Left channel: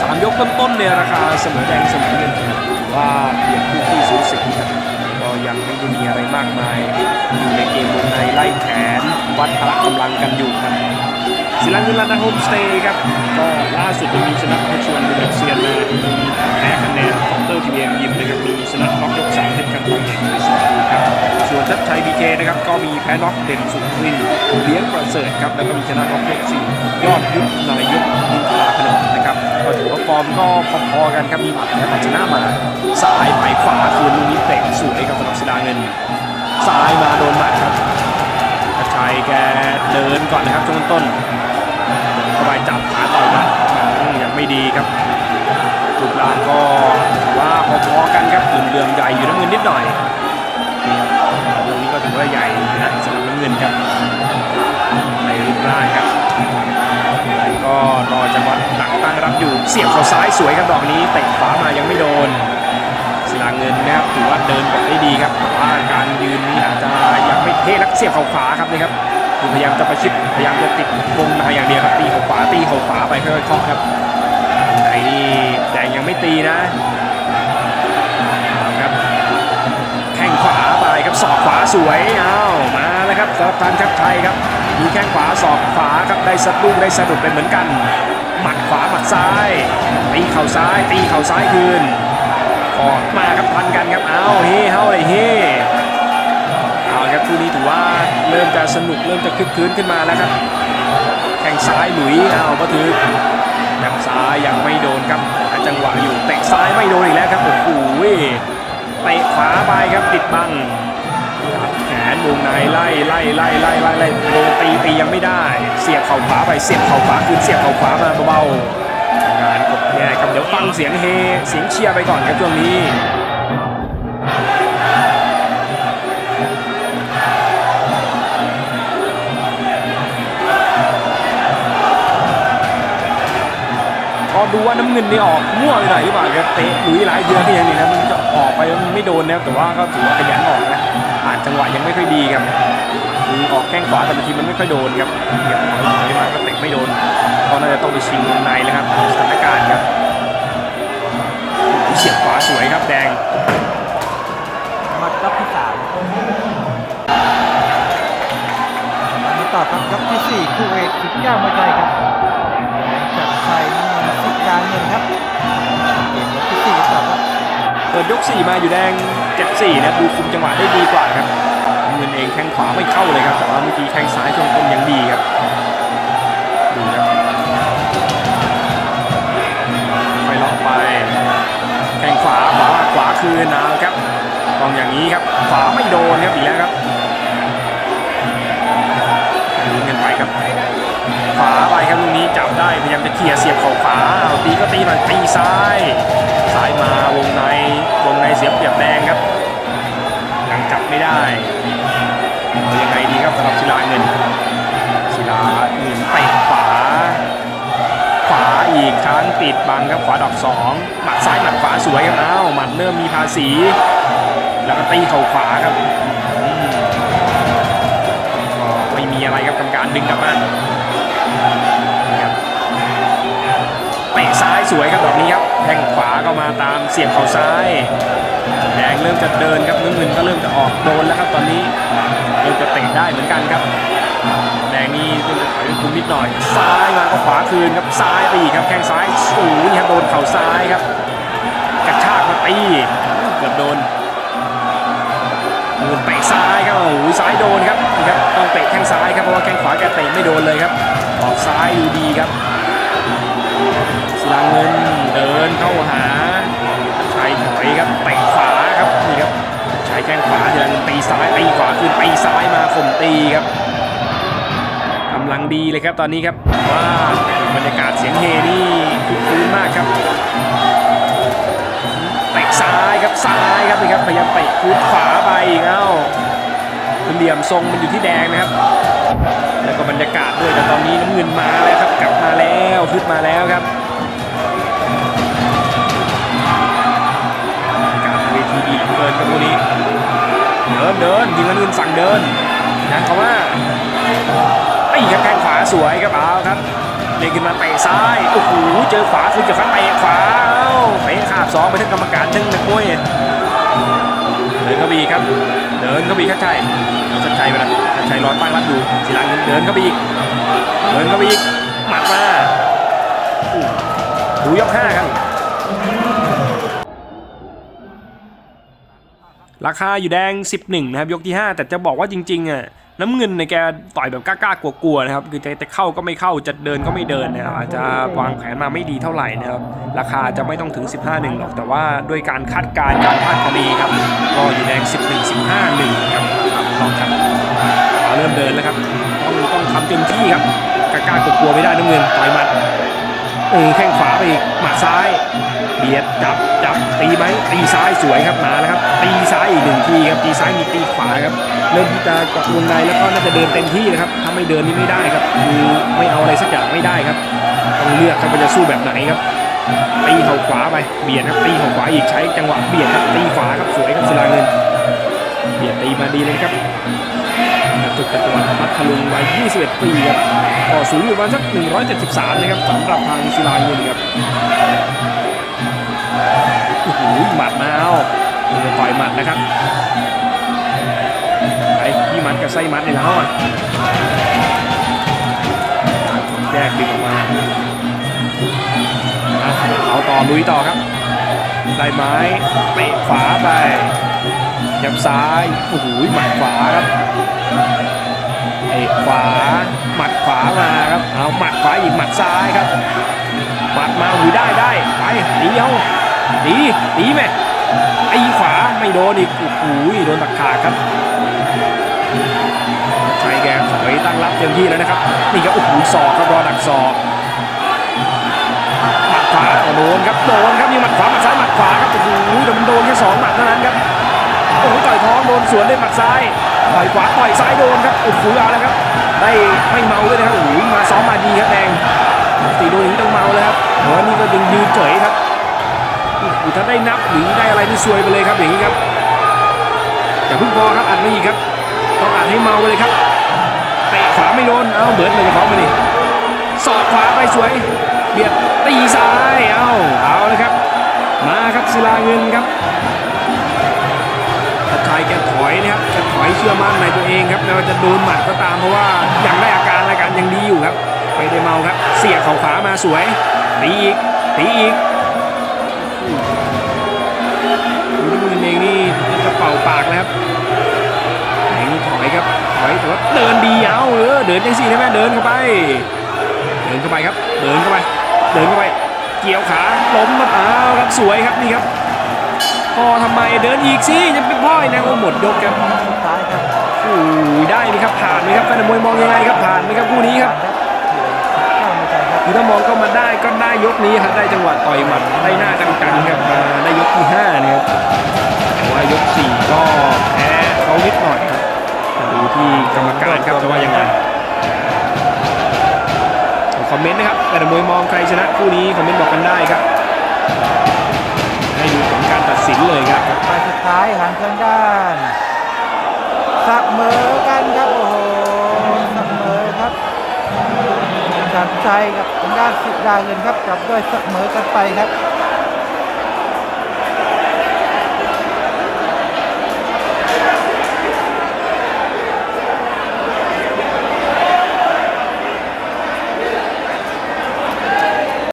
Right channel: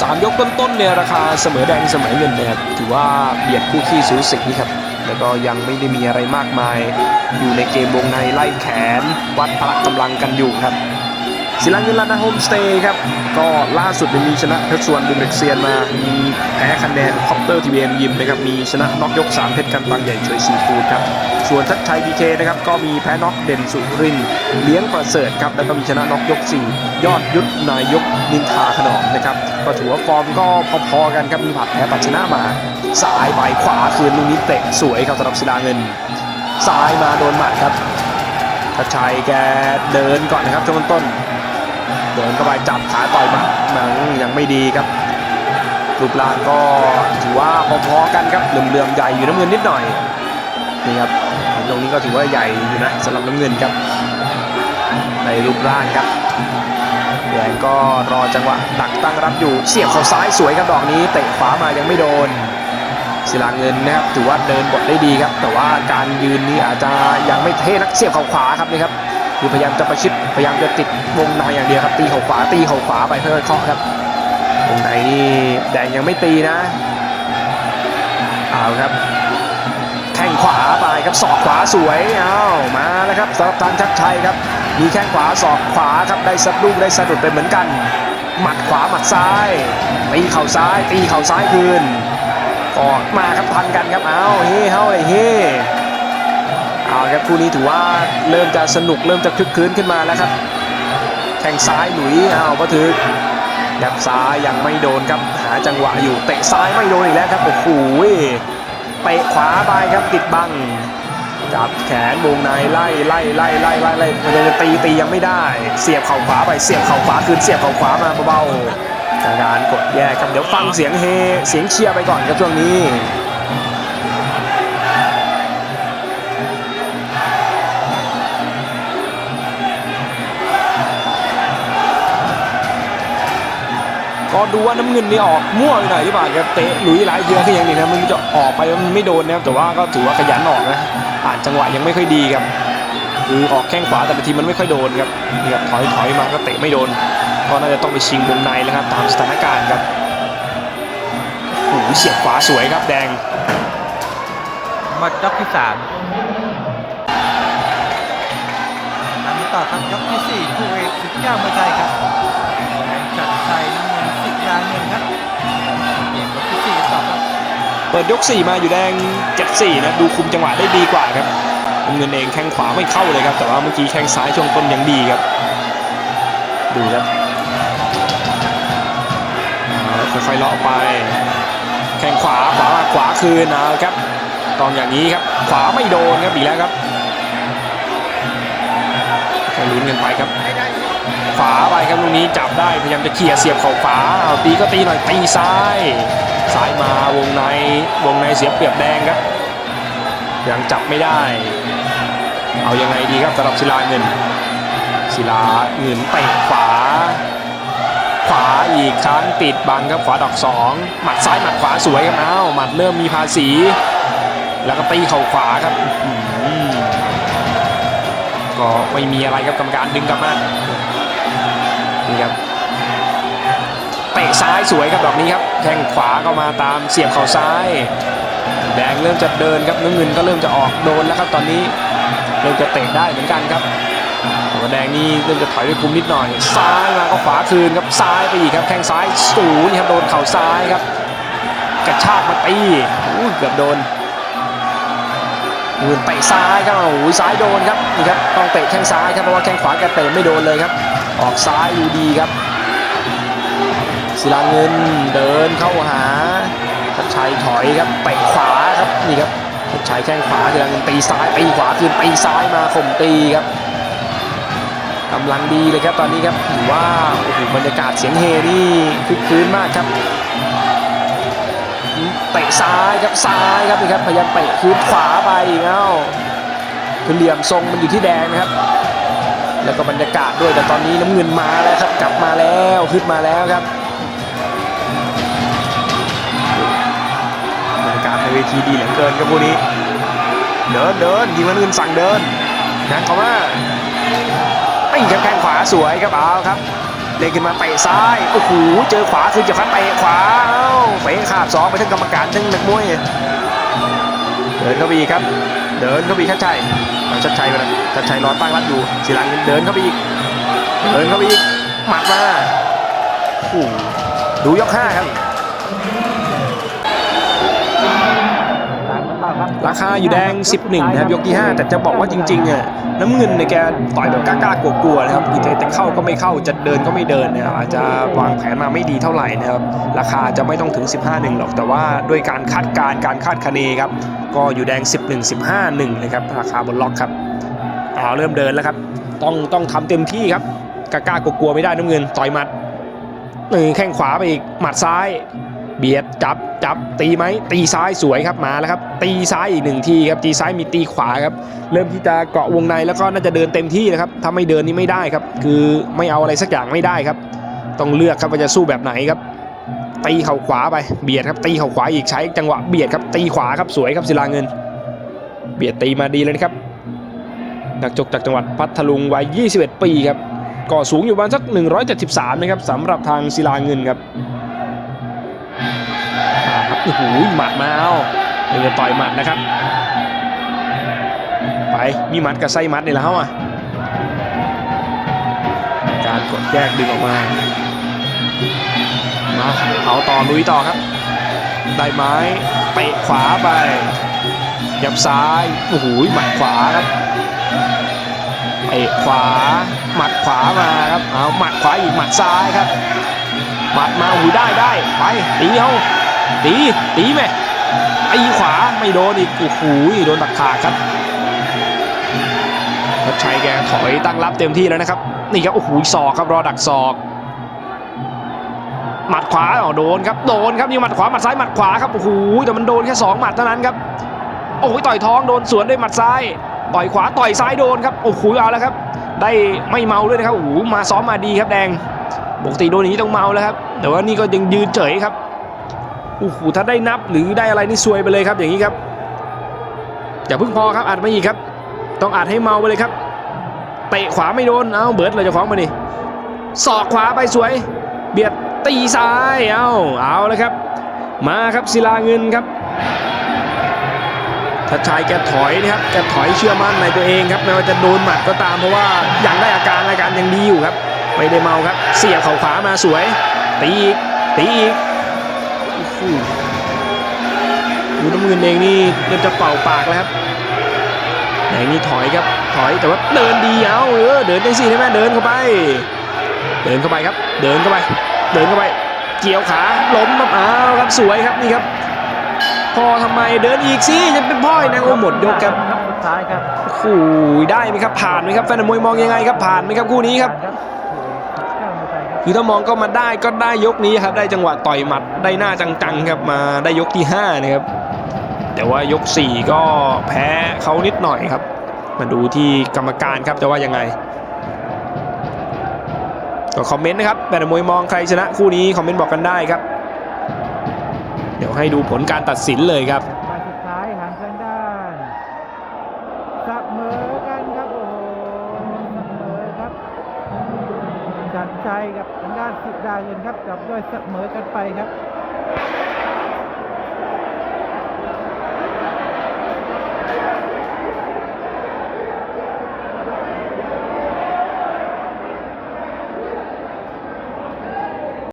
สามยกต้นๆเนี่ยราคาเสมอแดงเสมอเงินนะครับถือว่าเบียดคู่ขี้สูสีครับแล้วก็ยังไม่ได้มีอะไรมากมาย อยู่ในเกมวงในไล่แขน วัดพละกำลังกันอยู่ครับ ศิลาเงินลานาโฮมสเตย์ครับ ก็ล่าสุดมีชนะเพชรชวนดูเม็กเซียนมา มีแพ้คะแนนคอปเตอร์ทีวีเอ็มยิมนะครับ มีชนะน็อกยก 3 เพชรกันตังใหญ่ช่วยซีฟูดครับ ส่วนทัชชัยพีเคนะครับ ก็มีแพ้น็อกเด่นสุรินทร์เลี้ยงประเสริฐครับ แล้วก็มีชนะน็อกยก 4 ยอดยุทธนายกนินทาขนอมนะครับ ก็ถือว่าฟอร์มก็พอๆกันครับ มีผัดแพ้ปัดชนะมาซ้ายไปขวาคืนลูกนี้เตะสวยครับสำหรับศิลาเงินซ้ายมาโดนหมัดครับทัชชัยแกเดินก่อนนะครับช่วงต้น เดินเข้าไปจับขาต่อยหมัดมันยังไม่ดีครับรูปร่างก็ถือว่าพอๆกันครับเหลื่อมๆใหญ่อยู่น้ำเงินนิดหน่อยนี่ครับตรงนี้ก็ถือว่าใหญ่อยู่นะสำหรับน้ำเงินครับ ในรูปร่างครับเหนื่อยก็รอจังหวะดักตั้งรับอยู่เสียบเข้าซ้ายสวยครับดอกนี้เตะขวามายังไม่โดนศิลาเงินนะครับถือว่าเดินบทได้ดีครับ แต่ว่าการยืนนี้อาจจะยังไม่เท่นักเสียบเข่าขวาครับนี่ครับ คือพยายามจะประชิดพยายามจะติดวงในอย่างเดียวครับ ตีเข่าขวาตีเข่าขวาไปค่อยๆเคาะครับวงในนี่แดงยังไม่ตีนะเอาครับแข้งขวาไปครับศอกขวาสวยเอามาแล้วครับสำหรับทางชัดชัยครับมีแข้งขวาศอกขวาครับได้สะดุ้งได้สะดุดไปเหมือนกัน หมัดขวาหมัดซ้ายตีเข่าซ้าย ตีเข่าซ้ายคืนออกมาครับทันกันครับเอาเฮ้เฮาเลยเฮ้ เอาครับคู่นี้ถือว่าเริ่มจะสนุกเริ่มจะคึกคืนขึ้นมาแล้วครับแข่งซ้ายหลุยเอาก็ถือแบบซ้ายยังไม่โดนครับหาจังหวะอยู่เตะซ้ายไม่โดนอีกแล้วครับโอ้โหเตะขวาไปครับติดบังจับแขนวงในไล่ไล่ไล่ไล่ไล่ไล่พยายามจะตีตียังไม่ได้ เสียบเข่าขวาไปเสียบเข่าขวาคืนเสียบเข่าขวามาเบาๆการกดแยกครับเดี๋ยวฟังเสียงเฮเสียงเชียร์ไปก่อนครับช่วงนี้ ก็ดูว่าน้ำเงินนี่ออกมั่วไปหน่อยหรือเปล่าครับเตะหลุยหลายเดือนที่ยังอยู่นะมันจะออกไปมันไม่โดนนะครับแต่ว่าก็ถือว่าขยันออกนะอ่านจังหวะยังไม่ค่อยดีครับคือออกแข้งขวาแต่บางทีมันไม่ค่อยโดนครับเนี่ยถอยถอยมาก็เตะไม่โดนก็น่าจะต้องไปชิงวงในนะครับตามสถานการณ์ครับโอ้โหเสียบขวาสวยครับแดงหมดยกที่สามมาต่อครับยกที่สี่คู่เอกสิบเก้ามวยไทยครับแดงจัดไทยน้ำ เงินสิบลาเงินครับเกมยกที่สี่กันต่อครับเปิดยก4มาอยู่แดง7-4นะครับดูคุมจังหวะได้ดีกว่าครับเงินเองแข้งขวาไม่เข้าเลยครับแต่ว่าเมื่อกี้แข้งซ้ายช่วงต้นยังดีครับดูครับค่อยๆเลาะไป แข้งขวาขวามาขวาคืนเอาครับกองอย่างนี้ครับขวาไม่โดนครับอีกแล้วครับลุ้นกันไปครับ ขวาไปครับลูกนี้จับได้พยายามจะเขี่ยเสียบเข่าขวาเอาตีก็ตีหน่อยตีซ้ายซ้ายมาวงในวงในเสียบเปรียบแดงครับยังจับไม่ได้ เอายังไงดีครับสำหรับศิลาเงินศิลาเงินเตะขวา ขวาอีกครั้งติดบังครับขวาดอกสองหมัดซ้ายหมัดขวาสวยครับเอาหมัดเริ่มมีภาษี แล้วก็ตีเข่าขวาครับก็ไม่มีอะไรครับกรรมการดึงกลับมา นี่ครับเตะซ้ายสวยครับดอกนี้ครับแข้งขวาก็มาตามเสียบเข่าซ้าย แดงเริ่มจะเดินครับน้ำเงินก็เริ่มจะออกโดนแล้วครับตอนนี้เริ่มจะเตะได้เหมือนกันครับแดงนี่เริ่มจะถอยด้วยคุมนิดหน่อย ซ้ายมาก็ขวาคืนครับซ้ายไปอีกครับแข้งซ้ายสูงครับโดนเข่าซ้ายครับกระชากมาตีเกือบโดนเงินเตะซ้ายครับโอ้โหซ้ายโดนครับนี่ครับต้องเตะแข้งซ้ายครับเพราะว่าแข้งขวาแกเตะไม่โดนเลยครับ ออกซ้ายดูดีครับศิลาเงินเดินเข้าหาทัชชัยถอยครับเตะขวาครับนี่ครับทัชชัยแข้งขวาทีละตีซ้ายตีขวาคืนตีซ้ายมาข่มตีครับกำลังดีเลยครับตอนนี้ครับว่าบรรยากาศเสียงเฮนี่คึกคืนมากครับเตะซ้ายครับซ้ายครับนี่ครับพยายามเตะคืนขวาไปอีกเอ้าคือเหลี่ยมทรงมันอยู่ที่แดงนะครับ แล้วก็บรรยากาศด้วยแต่ตอนนี้น้ำเงินมาแล้วครับ กลับมาแล้วขึ้นมาแล้วครับบรรยากาศในเวทีดีเหลือเกินครับพวกนี้ เดินเดินทีมงานอื่นสั่งเดินยังเขามาตีครับแข้งขวาสวยครับเอาครับเด้งขึ้นมาเตะซ้ายโอ้โหเจอขวาคือจะคัดเตะขวาเตะขาบสองไปถึงกรรมการเชิงนักมวย เดินเข้าไปอีกครับ เดินเข้าไปอีชัดชัยเอาชัดชัยไปนะชัดชัยรอตั้งรับอยู่ศิลังเดินเข้าไปอีก เดินเข้าไปอีก หมัดมาดูยกห้าครับ ราคาอยู่แดง 11 นะครับยกที่ 5 แต่จะบอกว่าจริงๆอะน้ำเงินในแกต่อยแบบกล้าๆกลัวๆนะครับคือจะเข้าก็ไม่เข้าจะเดินก็ไม่เดินนะครับอาจจะวางแผนมาไม่ดีเท่าไหร่นะครับราคาจะไม่ต้องถึง 15 1 หรอกแต่ว่าด้วยการคาดการณ์การคาดคะเนครับก็อยู่แดง 11 15 1นะครับราคาบนล็อกครับอ๋อเริ่มเดินแล้วครับต้องต้องทำเต็มที่ครับกล้าๆกลัวๆไม่ได้น้ำเงินต่อยหมัดแข้งขวาไปอีกหมัดซ้าย เบียดจับจับตีไหมตีซ้ายสวยครับมาแล้วครับ ตีซ้ายอีกหนึ่งทีครับตีซ้ายมีตีขวาครับเริ่มที่จะเกาะวงในแล้วก็น่าจะเดินเต็มที่นะครับถ้าไม่เดินนี่ไม่ได้ครับ คือไม่เอาอะไรสักอย่างไม่ได้ครับ ต้องเลือกครับว่าจะสู้แบบไหนครับตีเข่าขวาไปเบียดครับตีเข่าขวาอีกใช้จังหวะเบียดครับตีขวาครับสวยครับศิลาเงิน เบียดตีมาดีเลยนะครับนักจบจากจังหวัดพัทลุงวัย 21 ปีครับก็สูงอยู่ประมาณสัก 173 นะครับสำหรับทางศิลาเงินครับ อ้โหหมัดมาเอานี่จะต่อยหมัดนะครับ ไปพี่มัดกับไส้มัดนี่แล้วอะ การกดแยกดึงออกมามาเอาต่อลุยต่อครับ ได้ไม้เตะขวาไปยับซ้ายโอ้โหหมัดขวาครับเตะขวา หมัดขวามาครับ เอาหมัดขวาอีกหมัดซ้ายครับ หมัดมาหูได้ได้ ไปตีเอา ตีตีแม่ไอ้ขวาไม่โดนอีกโอ้โหโดนตักขาครับชัชัยแกถอยตั้งรับเต็มที่แล้วนะครับนี่ครับโอ้โหศอกครับรอดักศอกหมัดขวาโดนครับโดนครับมีหมัดขวาหมัดซ้ายหมัดขวาครับโอ้โหแต่มันโดนแค่สองหมัดเท่านั้นครับโอ้โหต่อยท้องโดนสวนด้วยหมัดซ้ายต่อยขวาต่อยซ้ายโดนครับโอ้โหเอาแล้วครับ ได้ไม่เมาด้วยนะครับโอ้โหมาซ้อมมาดีครับแดงปกติโดนอย่างนี้ต้องเมาแล้วครับแต่ว่านี่ก็ยังยืนเฉยครับ โอ้โหถ้าได้นับหรือได้อะไรนี่ซวยไปเลยครับอย่างนี้ครับอย่าเพิ่งพอครับอัดไม่อีกครับ ต้องอัดให้เมาไปเลยครับเตะขวาไม่โดนเอ้าเบิร์ดเลยจะฟ้องมานี่สอกขวาไปสวย เบียดตีซ้ายเอ้าเอาเลยครับ มาครับศิลาเงินครับทัชชัยแกถอยนะครับแกถอยเชื่อมั่นในตัวเองครับไม่ว่าจะโดนหมัดก็ตามเพราะว่ายังได้อาการรายการยังดีอยู่ครับไม่ได้เมาครับ เสียบเข่าขวามาสวยตีอีกตีอีก ดูน้ำเงินเองนี่จะเป่าปากแล้วครับแหงนี่ถอยครับถอยแต่ว่าเดินดีเอาเออเดินจังสิใช่ไหมเดินเข้าไป เดินเข้าไปครับ เดินเข้าไป เดินเข้าไป เกี่ยวขาล้มครับอ้าวครับสวยครับนี่ครับพอทำไมเดินอีกสิจะเป็นพ่อยนะโอ้หมดยกครับสุดท้ายครับโอ้ยได้ไหมครับผ่านไหมครับแฟนมวยมองยังไงครับผ่านไหมครับคู่นี้ครับ ครับคือถ้ามองก็มาได้ก็ได้ยกนี้ครับได้จังหวะต่อยหมัดได้หน้าจังๆครับมาได้ยกที่5นะครับแต่ว่ายก 4 ก็แพ้เขานิดหน่อยครับ มาดูที่กรรมการครับจะว่ายังไงก็คอมเมนต์นะครับแต่มวยมองใครชนะคู่นี้คอมเมนต์บอกกันได้ครับ ให้ดูผลการตัดสินเลยครับไปสุดท้ายหันทางด้านเสมอกันครับโอ้โหเสมอครับ สันชัยกับทางด้านสุดาเงินครับจับด้วยเสมอกันไปครับ